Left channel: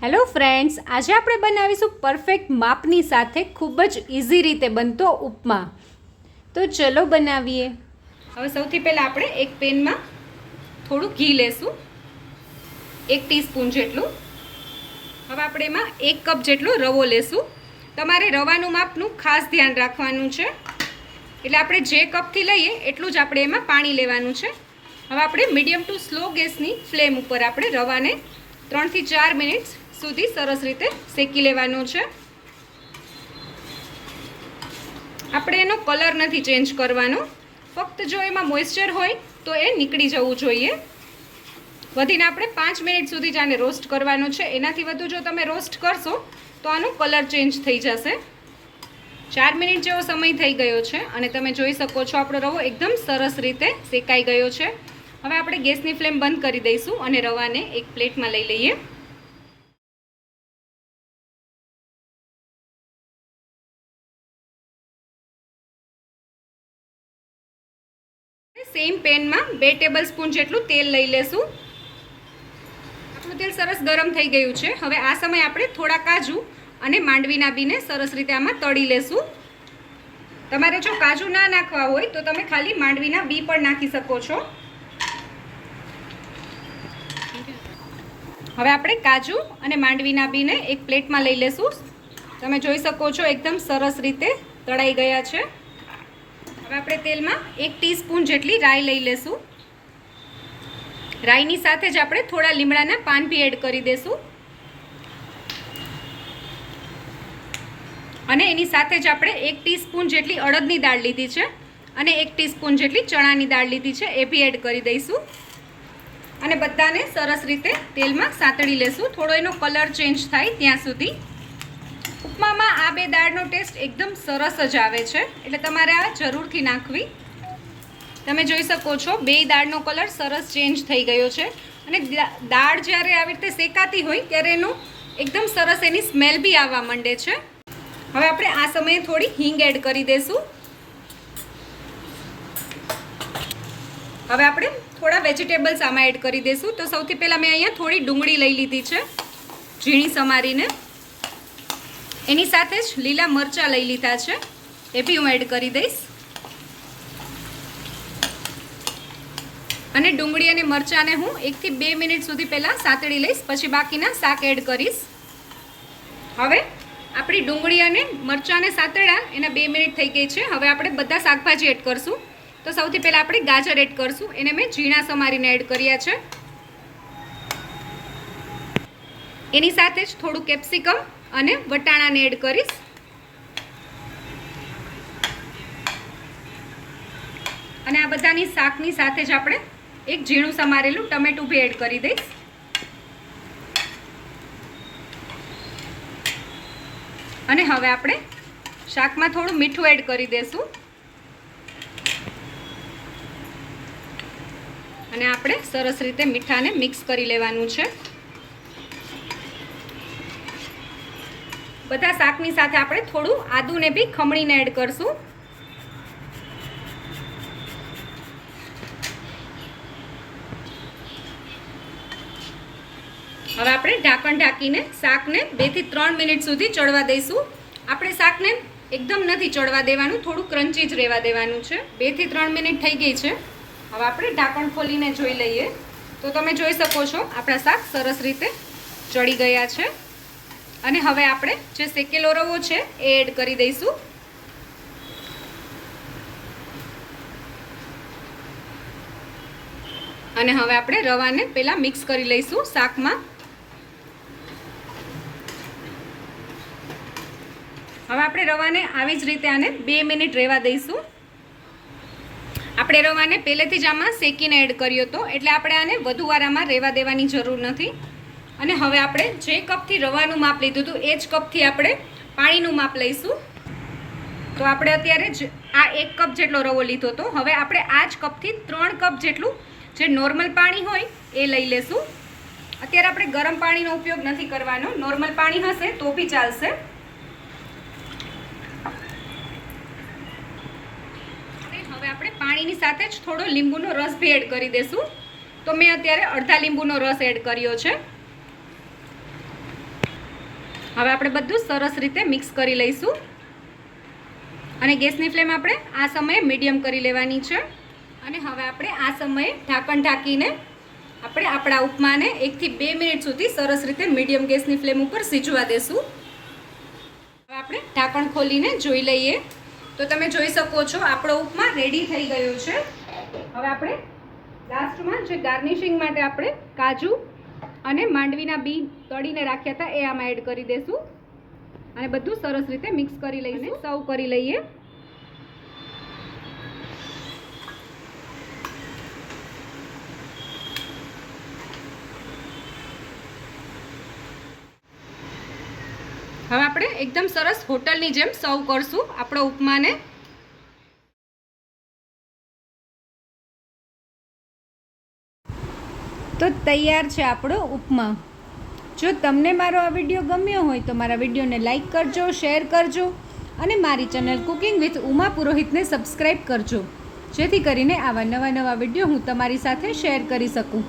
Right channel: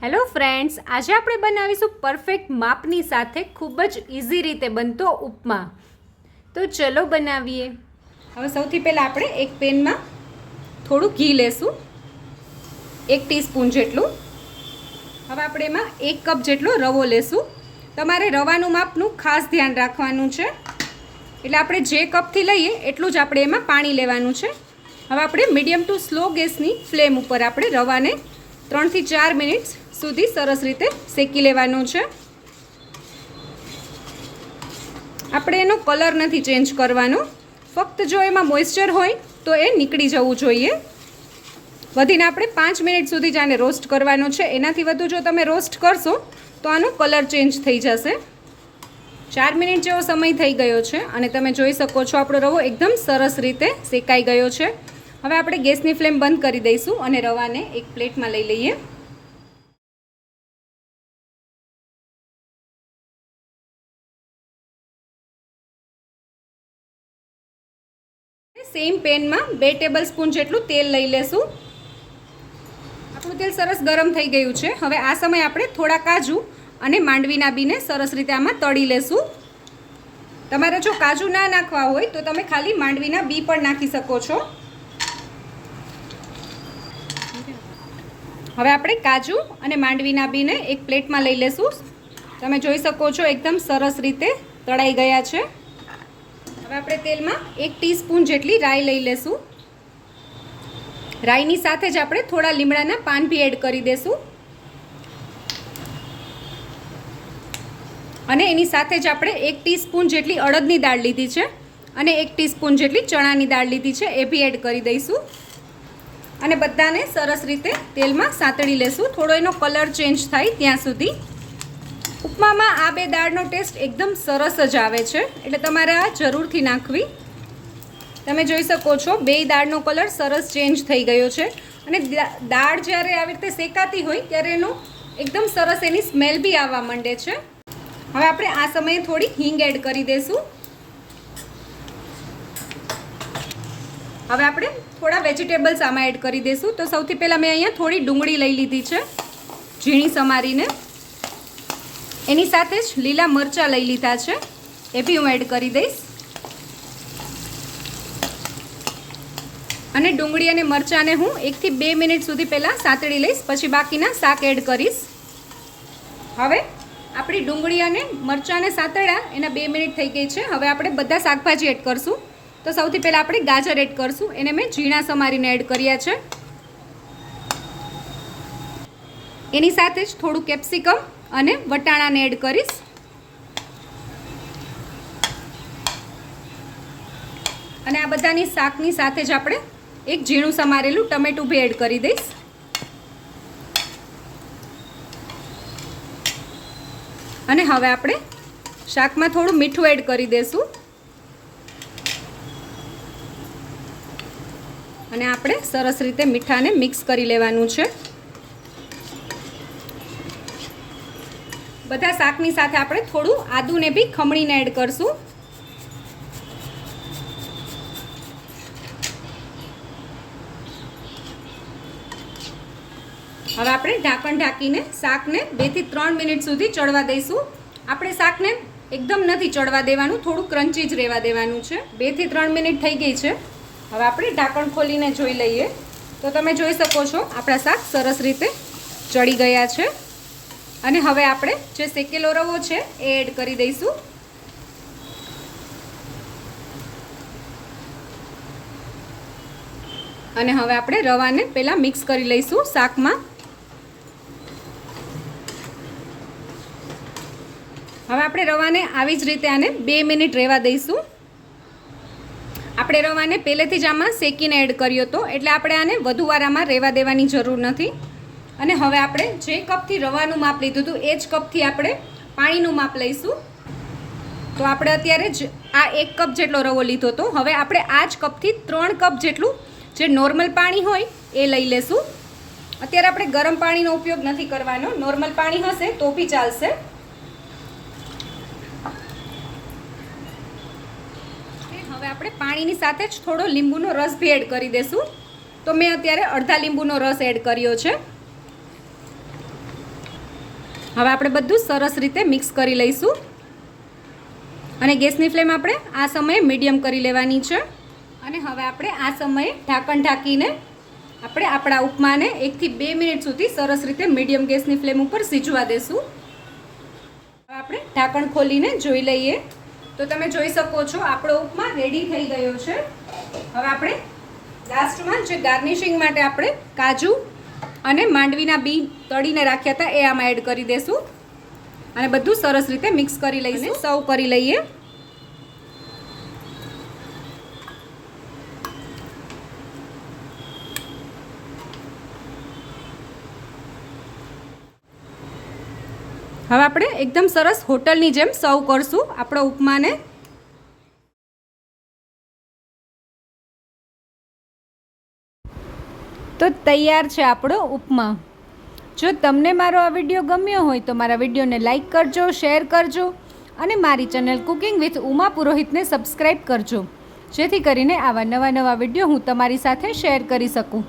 Hello friends, આજે આપણે બનાવીશું પરફેક્ટ માપની સાથે ખૂબ જ ઇઝી રીતે બનતો ઉપમા. તો ચલો બનાવીએ. હવે સૌથી પહેલાં આપણે એક પેનમાં થોડું ઘી લેશું, 1 ટીસ્પૂન જેટલું. હવે આપણે એમાં 1 કપ જેટલો રવો લેશું. તમારે રવાનું માપનું ખાસ ધ્યાન રાખવાનું છે, એટલે આપણે જે કપથી લઈએ એટલું જ આપણે એમાં પાણી લેવાનું છે. હવે આપણે મીડિયમ ટુ સ્લો ગેસની ફ્લેમ ઉપર આપણે રવાને 3 થી 4 મિનિટ સુધી સરસ રીતે શેકી લેવાનું છે. આપણે એનો કલર નથી ચેન્જ કરવાનો, ફક્ત જો એમાં મોઇસ્ચર હોય તો એ નીકળી જવું જોઈએ. વધીને આપણે 5 મિનિટ સુધી જ આને રોસ્ટ કરવાનો છે. એનાથી વધુ જો તમે રોસ્ટ કરશો તો આનો કલર ચેન્જ થઈ જશે. 4 મિનિટ જેવો સમય થઈ ગયો છે અને તમે જોઈ શકો છો આપણો રવો એકદમ સરસ રીતે શેકાઈ ગયો છે. હવે આપણે ગેસની ફ્લેમ બંધ કરી દઈશું અને રવાને એક પ્લેટમાં લઈ લઈએ. સેમ પેનમાં 2 ટેબલસ્પૂન જેટલું તેલ લઈ લેશું. આપણું તેલ સરસ ગરમ થઈ ગયું છે. હવે આ સમયે આપણે થોડા કાજુ અને માંડવીના બીને સરસ રીતે આમાં તળી લેશું. તમારે જો કાજુ ના નાખવા હોય તો તમે ખાલી માંડવીના બી પણ નાખી શકો છો. હવે આપણે કાજુ અને માંડવીના બીને એક પ્લેટમાં લઈ લેશું. તમે જોઈ શકો છો એકદમ સરસ રીતે તળાઈ ગયા છે. હવે આપણે તેલમાં 1 ટીસ્પૂન જેટલી રાઈ લઈ લેશું. રાઈની સાથે જ આપણે થોડા લીમડાના પાન બી એડ કરી દેશું અને એની સાથે જ આપણે 1 ટીસ્પૂન જેટલી અડદની દાળ લીધી છે અને 1 ટીસ્પૂન જેટલી ચણાની દાળ લીધી છે, એ બી એડ કરી દઈશું અને બધાને સરસ રીતે તેલમાં સાતળી લેશું, થોડો એનો કલર ચેન્જ થાય ત્યાં સુધી. ઉપમામાં આ 2 દાળનો ટેસ્ટ એકદમ સરસ જ આવે છે, એટલે તમારે આ જરૂરથી નાખવી. તમે જોઈ શકો છો 2 દાળનો કલર સરસ ચેન્જ થઈ ગયો છે અને દાળ જ્યારે આવી રીતે શેકાતી હોય ત્યારે એનો એકદમ સરસ એની સ્મેલ બી આવવા માંડે છે. હવે આપણે આ સમયે થોડી હિંગ એડ કરી દઈશું. હવે આપણે થોડા વેજીટેબલ્સ આમાં એડ કરી દઈશું. તો સૌથી પહેલાં મેં અહીંયા થોડી ડુંગળી લઈ લીધી છે ઝીણી સમારીને. એની સાથે જ લીલા મરચાં લઈ લીધા છે, એ બી હું એડ કરી દઈશ. અને ડુંગળી અને મરચાંને હું 1 થી 2 મિનિટ સુધી પહેલાં સાતળી લઈશ, પછી બાકીના શાક એડ કરીશ. હવે આપણી ડુંગળી અને મરચાંને સાતળ્યા એના 2 મિનિટ થઈ ગઈ છે. હવે આપણે બધા શાકભાજી એડ કરશું. તો સૌથી પહેલાં આપણે ગાજર એડ કરશું. એને મેં ઝીણા સમારીને એડ કર્યા છે. એની સાથે જ થોડું કેપ્સિકમ અને વટાણાને એડ કરીશ. અને આ બધાની શાકની સાથે જ આપણે એક ઝીણું સમારેલું ટમેટું બી એડ કરી દઈશ. અને હવે આપણે શાકમાં થોડું મીઠું એડ કરી દઈશું અને આપણે સરસ રીતે મીઠાને મિક્સ કરી લેવાનું છે. બધા શાકની સાથે આપણે થોડું આદુને બી ખમણીને એડ કરશું. હવે આપણે ઢાંકણ ઢાંકીને શાકને 2 થી 3 મિનિટ સુધી ચડવા દઈશું. આપણે શાકને એકદમ નથી ચડવા દેવાનું, થોડું ક્રન્ચી જ રહેવા દેવાનું છે. 2 થી 3 મિનિટ થઈ ગઈ છે. હવે આપણે ઢાંકણ ખોલીને જોઈ લઈએ તો તમે જોઈ શકો છો આપણા શાક સરસ રીતે ચડી ગયા છે. અને હવે આપણે જે શેકેલો રવો છે એ એડ કરી દઈશું. અને હવે આપણે રવાને પહેલાં મિક્સ કરી લઈશું શાકમાં. હવે આપણે રવાને આવી જ રીતે આને 2 મિનિટ રહેવા દઈશું. આપણે રવાને પહેલેથી જ આમાં શેકીને એડ કર્યો હતો, એટલે આપણે આને વધુ વાર આમાં રહેવા દેવાની જરૂર નથી. અને હવે આપણે જે કપથી રવાનું માપ લીધું હતું એ જ કપથી આપણે પાણીનું માપ લઈશું. તો આપણે અત્યારે જ આ 1 કપ જેટલો રવો લીધો હતો. હવે આપણે આ જ કપથી 3 કપ જેટલું જે નોર્મલ પાણી હોય એ લઈ લેશું. અત્યારે આપણે ગરમ પાણીનો ઉપયોગ નથી કરવાનો, નોર્મલ પાણી હશે તો બી ચાલશે. હવે આપણે પાણીની સાથે જ થોડો લીંબુનો રસ બી એડ કરી દઈશું. તો મેં અત્યારે અડધા લીંબુનો રસ એડ કર્યો છે. હવે આપણે બધું સરસ રીતે મિક્સ કરી લઈશું અને ગેસની ફ્લેમ આપણે આ સમયે મીડિયમ કરી લેવાની છે અને હવે આપણે આ સમયે ઢાંકણ ઢાંકીને આપણે આપણા ઉપમાને 1 થી 2 મિનિટ સુધી સરસ રીતે મીડિયમ ગેસની ફ્લેમ ઉપર સીજવા દેશું. હવે આપણે ઢાંકણ ખોલીને જોઈ લઈએ તો તમે જોઈ શકો છો આપણો ઉપમા રેડી થઈ ગયો છે. હવે આપણે લાસ્ટમાં જે ગાર્નિશિંગ માટે આપણે કાજુ અને માંડવીના બી તળીને રાખ્યા હતા એ આમાં એડ કરી દેશું અને બધું સરસ રીતે મિક્સ કરી લઈને સર્વ કરી લઈએ. હવે આપણે એકદમ સરસ હોટલની જેમ સર્વ કરશું આપણો ઉપમાને. તો તૈયાર છે આપણો ઉપમા. જો તમને મારો આ વિડીયો ગમ્યો હોય તો મારા વિડીયોને લાઈક કરજો, શેર કરજો અને મારી ચેનલ કુકિંગ વિથ ઉમા પુરોહિતને સબસ્ક્રાઈબ કરજો, જેથી કરીને આવા નવા વિડીયો હું તમારી સાથે શેર કરી શકું.